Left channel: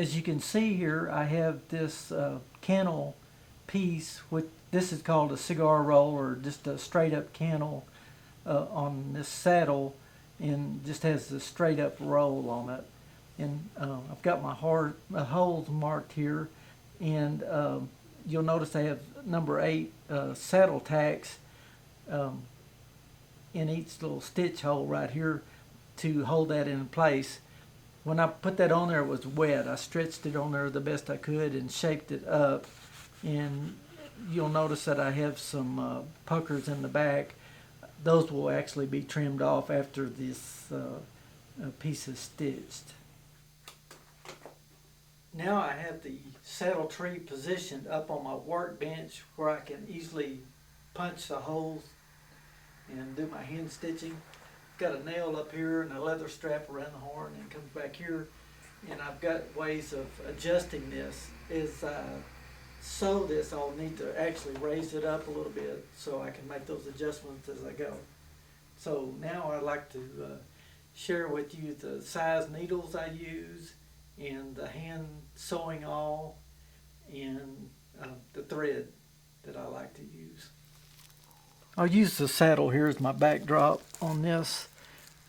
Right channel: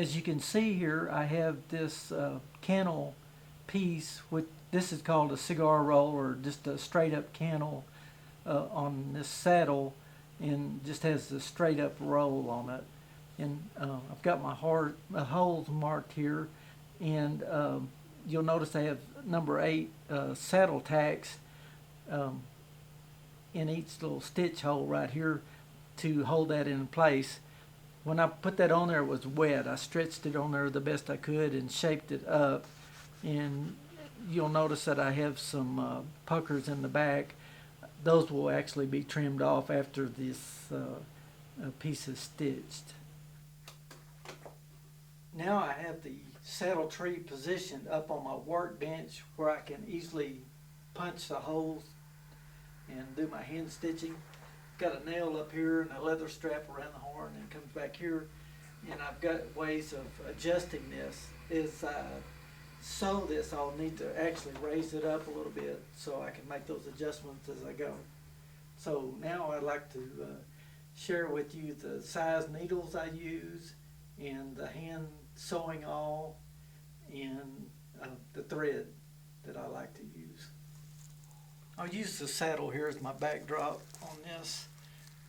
As you can see here, I have this cantle piece, which this is called a cigar roll, or just a straight up cantle on this saddle, and just has the straight up roll on it. And I've got my holes marked here, and you'll notice I have number 8 saddle tacks in each little stitch hole right here to hold that in place. When I put that on there, it was wet. I stretched it on there the best I could and shaped it up. And you'll notice that I have some puckers in the back. Those will actually be trimmed off after this piece is stitched. Now I have the saddle tree positioned up on my workbench where I can easily punch the holes and do my hand stitching. Got a nail up here and a leather strap around the horn, and comes back here, and I've got ways of adjusting this. As I sew this, I'll need to actually raise it up a little bit so I can make those adjustments as I go. So now I'd like to share with you the size needles I use, and the hand sewing awl, and the thread that I like to use. I'll use the saddle here as my backdrop on this.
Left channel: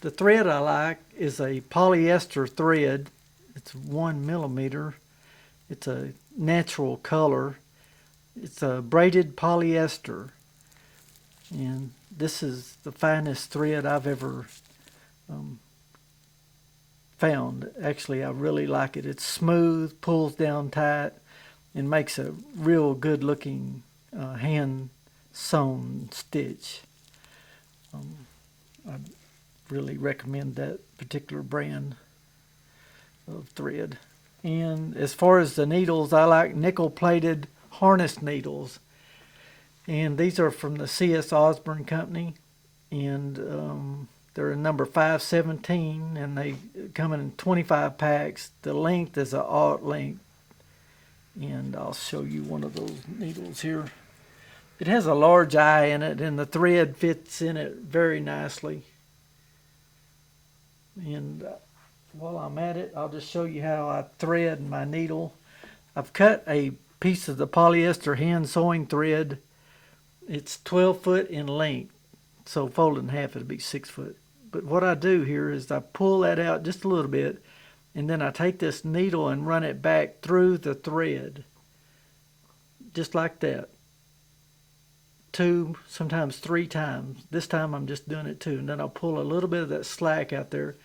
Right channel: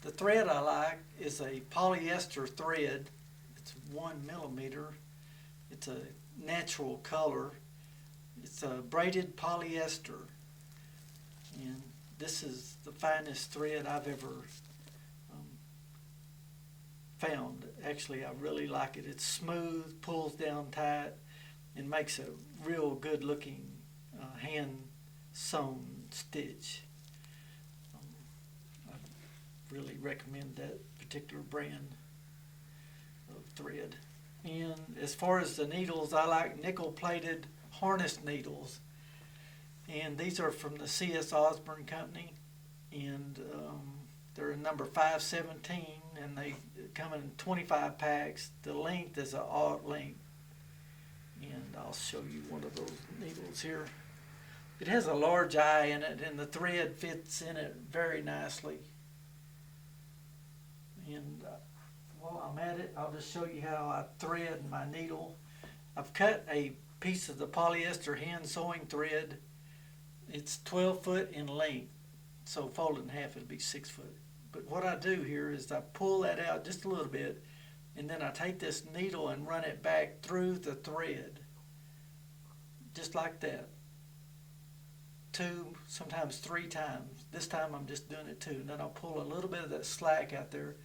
The thread I like is a polyester thread. It's 1 millimeter. It's a natural color. It's a braided polyester. And this is the finest thread I've ever found. Actually, I really like it. It's smooth, pulls down tight, and makes a real good looking hand sewn stitch. I really recommend that particular brand of thread. And as far as the needles, I like nickel plated harness needles, and these are from the C.S. Osborne Company, and they're in number 517, and they come in 25 packs. The length is an aught length, and I'll show you one of those needles here. It has a large eye in it, and the thread fits in it very nicely. And while I'm at it, I'll just show you how I thread my needle. I've cut a piece of the polyester hand sewing thread. It's 12 foot in length, so folded in half it'll be 6 foot. But what I do here is I pull that out just a little bit, and then I take this needle and run it back through the thread, just like that. 2, sometimes 3 times. This time I'm just doing it 2, and then I'll pull a little bit of that slack out there,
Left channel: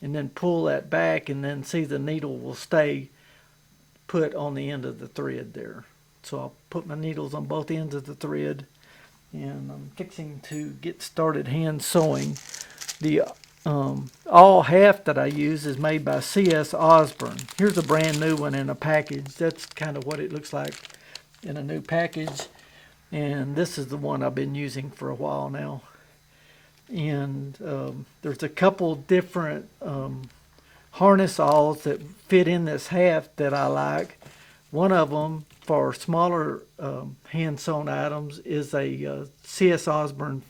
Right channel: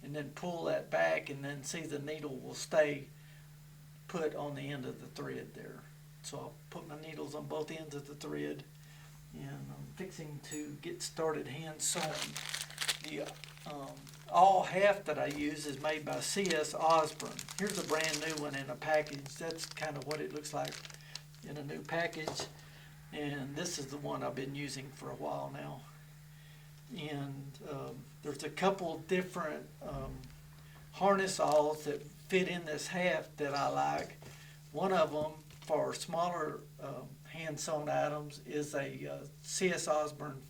and then pull that back, and then see the needle will stay put on the end of the thread there. So I'll put my needles on both ends of the thread, and I'm fixing to get started hand sewing. The Awl Haft that I use is made by C.S. Osborne. Here's a brand new one in a package. That's kind of what it looks like in a new package. And this is the one I've been using for a while now. And there's a couple different harness awls that fit in this haft that I like. One of them for smaller hand sewn items is a C.S. Osborne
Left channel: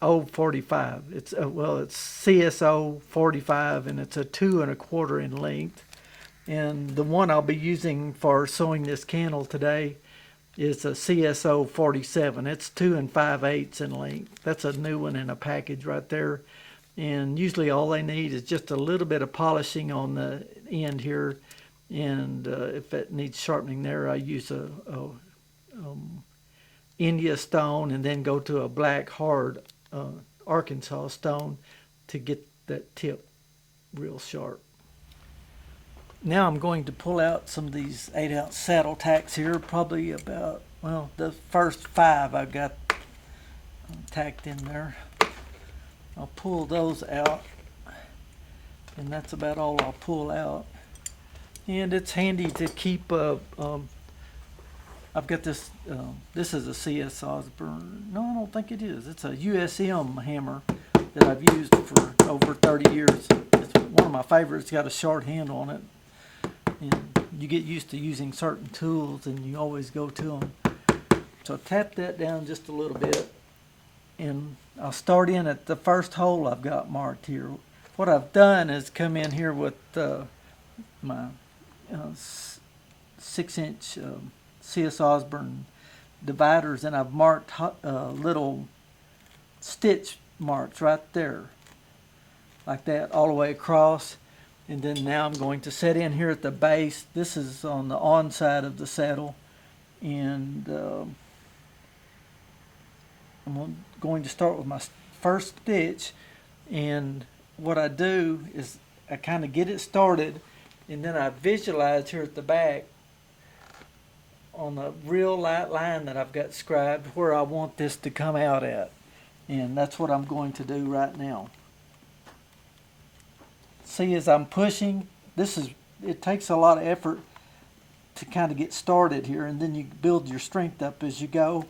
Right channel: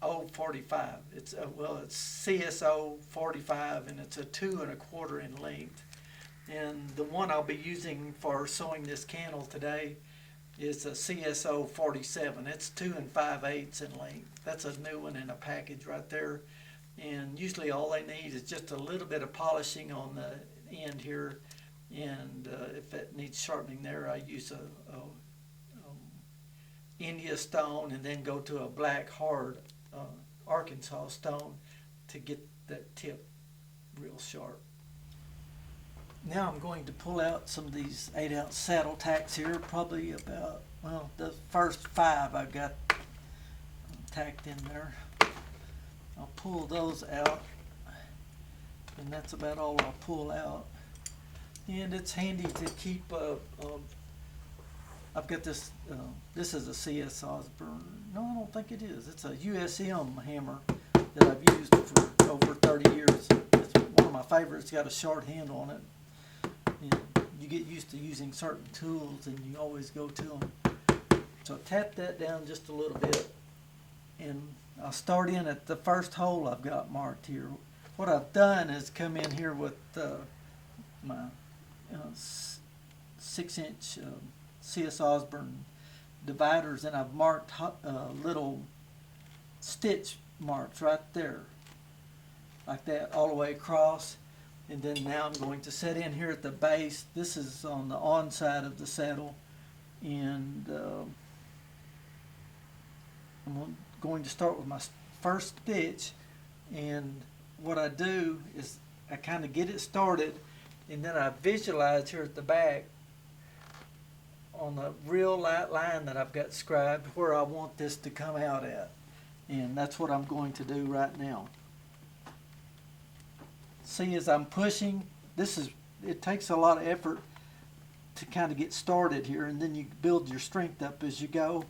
045. It's CSO 45, and it's a 2 1/4 in length. And the one I'll be using for sewing this cantle today is a CSO 47. It's 2 5/8 in length. That's a new one in a package right there. And usually all they need is just a little bit of polishing on the end here. And if it needs sharpening there, I use a India stone, and then go to a black hard Arkansas stone to get that tip real sharp. Now I'm going to pull out some of these 8-ounce saddle tacks here, probably about, well, the first 5 I've got tacked in there. I'll pull those out, and that's about all I'll pull out. And it's handy to keep, I've got this, this is a C.S. Osborne, no I don't think it is, it's a USM hammer that I've used for over 30 years. It's one of my favorites. It's got a short handle on it. And you get used to using certain tools, and you always go to them. So tap that down just a little bit, and I'll start in at the first hole I've got marked here. What I've done is come in here with my 6-inch CS Osborne dividers, and I've marked little stitch marks right there, like that, all the way across. And then now I'm going to set in here at the base. This is on the on side of the saddle, and I'm going to start with my first stitch. And what I do is I kind of get it started, and then I visualize here at the back on the real light line that I've got scribed where I want this to come out at. And that's what I'm going to do right now. See, as I'm pushing, it takes a lot of effort to kind of get started here, and then you build your strength up as you go.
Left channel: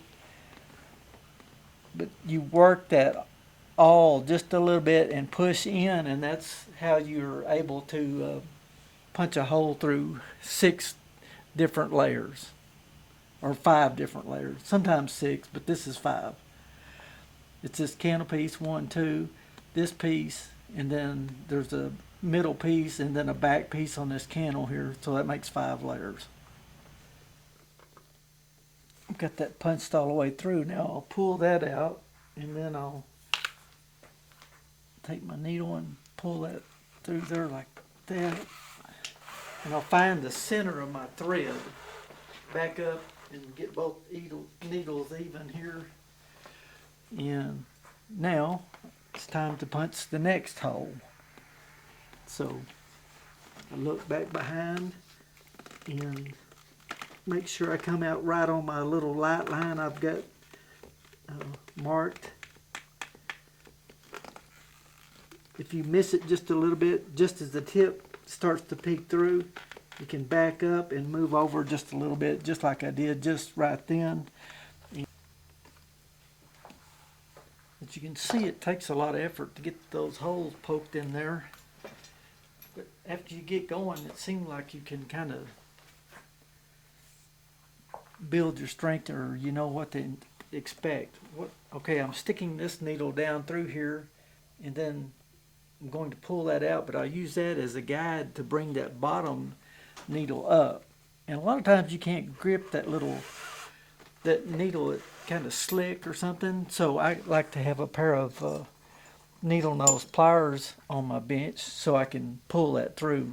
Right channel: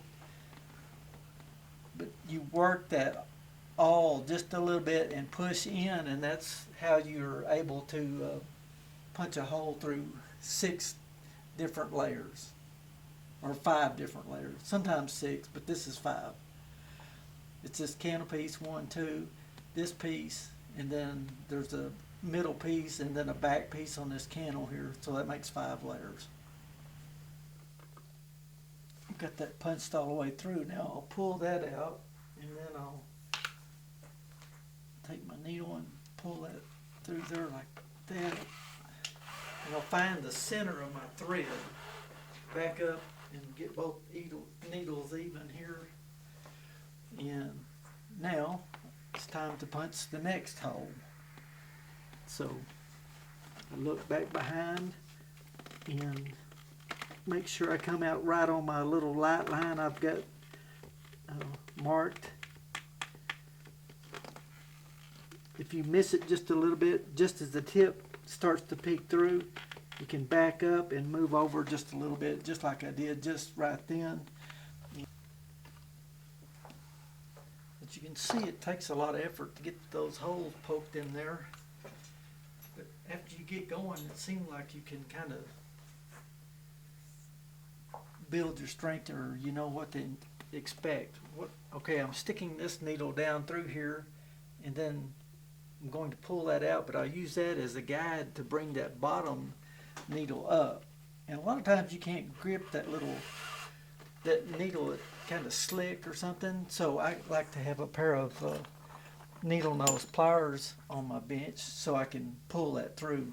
But you work that awl just a little bit and push in, and that's how you're able to punch a hole through 6 different layers, or 5 different layers, sometimes 6, but this is 5. It's this cantle piece, 1, 2, this piece, and then there's a middle piece and then a back piece on this cantle here, so that makes 5 layers. I've got that punched all the way through. Now I'll pull that out, and then I'll take my needle and pull that through there like that, and I'll find the center of my thread, back up and get both needles even here. And now it's time to punch the next hole. So I look back behind and make sure I come out right on my little light line I've got marked. If you miss it just a little bit, just as the tip starts to peek through, you can back up and move over just a little bit, just like I did just right then. But you can see it takes a lot of effort to get those holes poked in there. But after you get going, it seems like you can kind of build your strength, or you know what to expect. Okay, I'm sticking this needle down through here, and then I'm going to pull that out, but I'll use that as a guide to bring that bottom needle up. And a lot of times you can't grip that needle, it's kind of slick or something, so I like to have a pair of needle nose pliers on my bench so I can pull that through.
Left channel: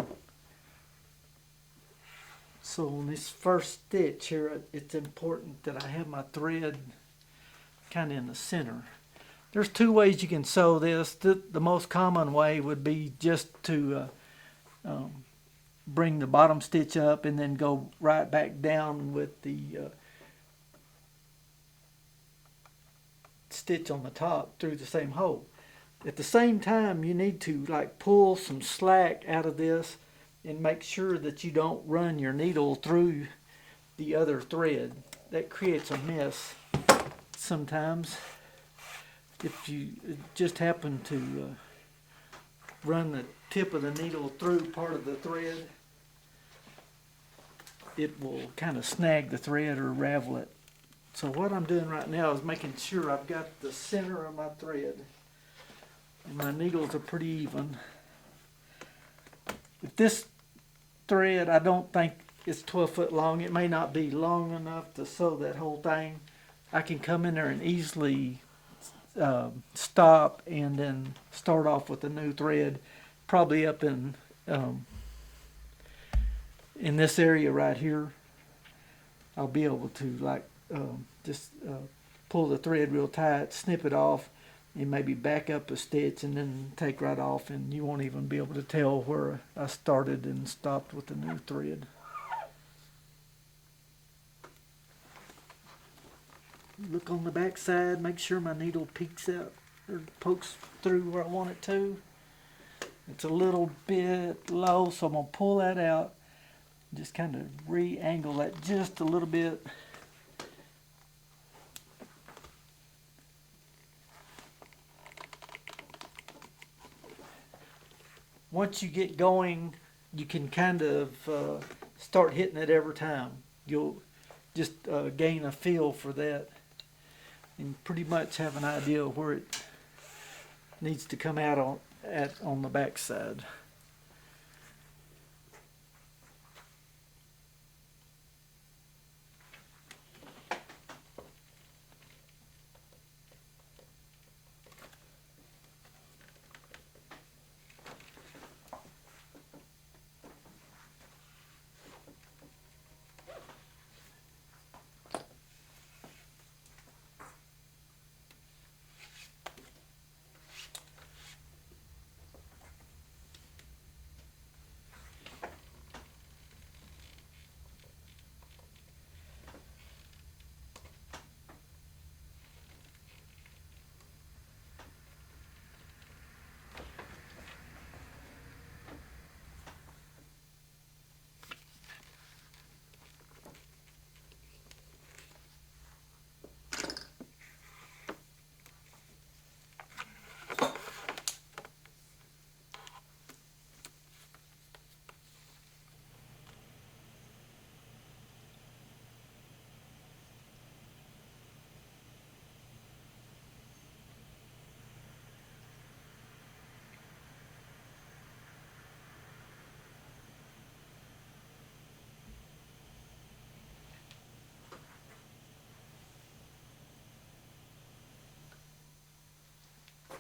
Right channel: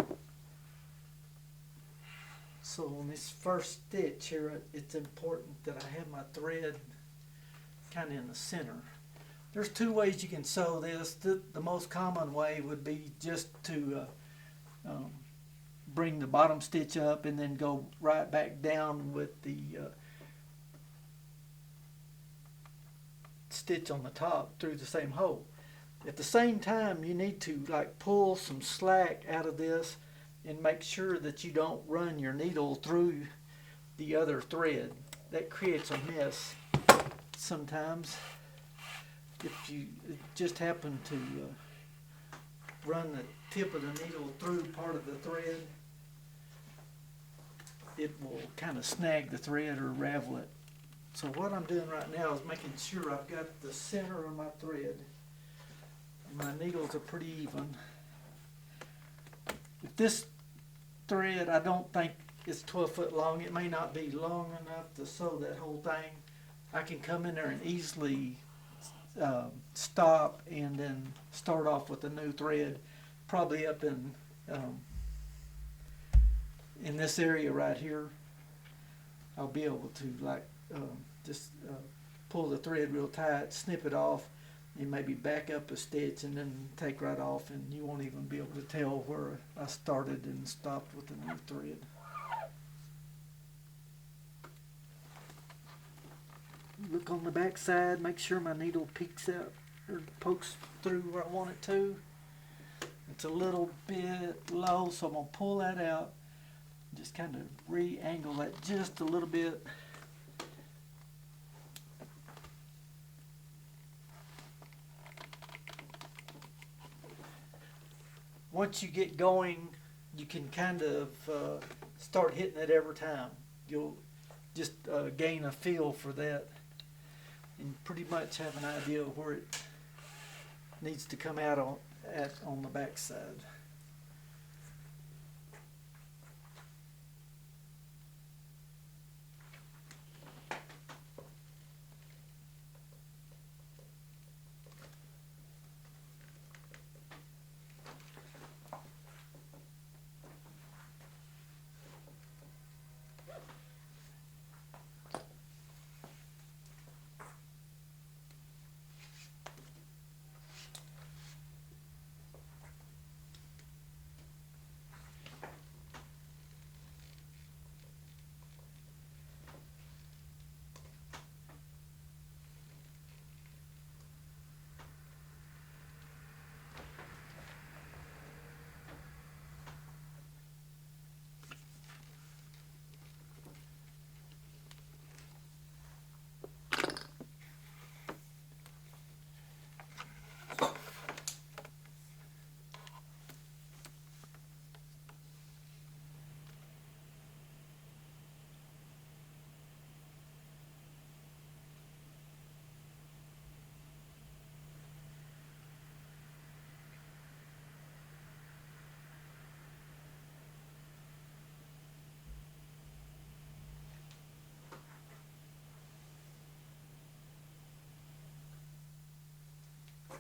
So on this first stitch here, it's important that I have my thread kind of in the center. There's 2 ways you can sew this. The most common way would be just to bring the bottom stitch up and then go right back down with the stitch on the top through the same hole. At the same time, you need to pull some slack out of this and make sure that you don't run your needle through the other thread. That creates a mess sometimes. If you just happen to run the tip of the needle through part of the thread, it will kind of snag the thread or ravel it. So what I'm doing right now is making sure I've got the center of my thread and my needles are pretty even. If this thread, I don't think it's 12 foot long, it may not be long enough to sew that whole thing. I can come in there and easily stop and then start off with a new thread, probably up in this area right here. I'll be able to just pull the thread real tight, snip it off, and maybe back up a stitch and then take right off, and you won't even be able to tell where I started and stopped with the new thread. Look on the back side, make sure my needle peeks out or pokes through where I want it to. It's a little bit low, so I'm going to pull that out, just kind of re-angle that just a little bit. Once you get going, you can kind of start hitting it every time. You'll just gain a feel for that and pretty much have an idea of where it needs to come out on the back side.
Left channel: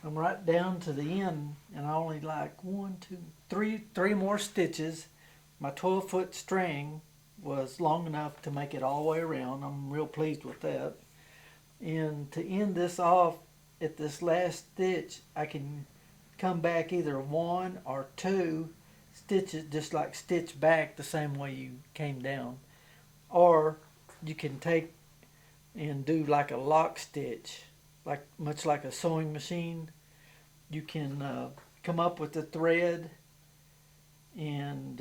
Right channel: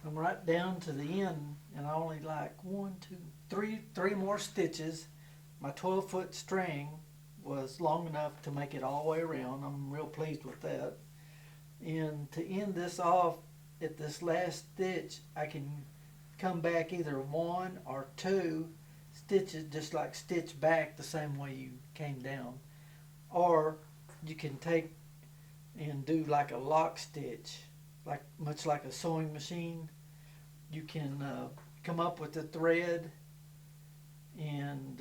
I'm right down to the end, and I only like three more stitches. My 12-foot string was long enough to make it all the way around. I'm real pleased with that. And to end this off at this last stitch, I can come back either one or two stitches, just like stitch back the same way you came down. Or you can take and do like a lock stitch, like much like a sewing machine. You can come up with the thread and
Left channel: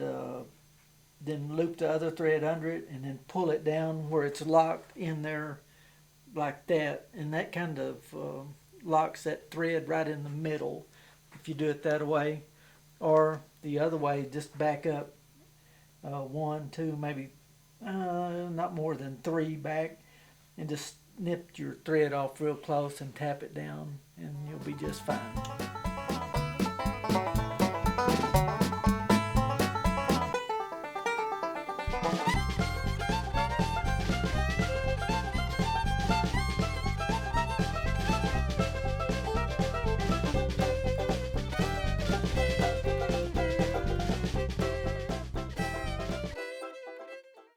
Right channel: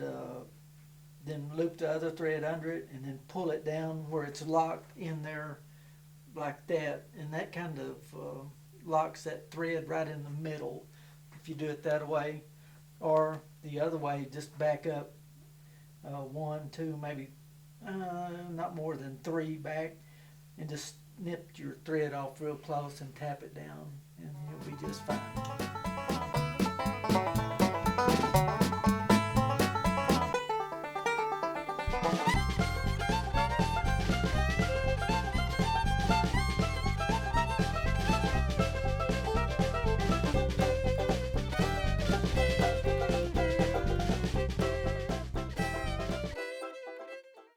then loop the other thread under it and then pull it down where it's locked in there like that, and that kind of locks that thread right in the middle if you do it that way. Or the other way, just back up one, two, maybe not more than three back, and just snip your thread off real close and tap it down, and you'll be just fine.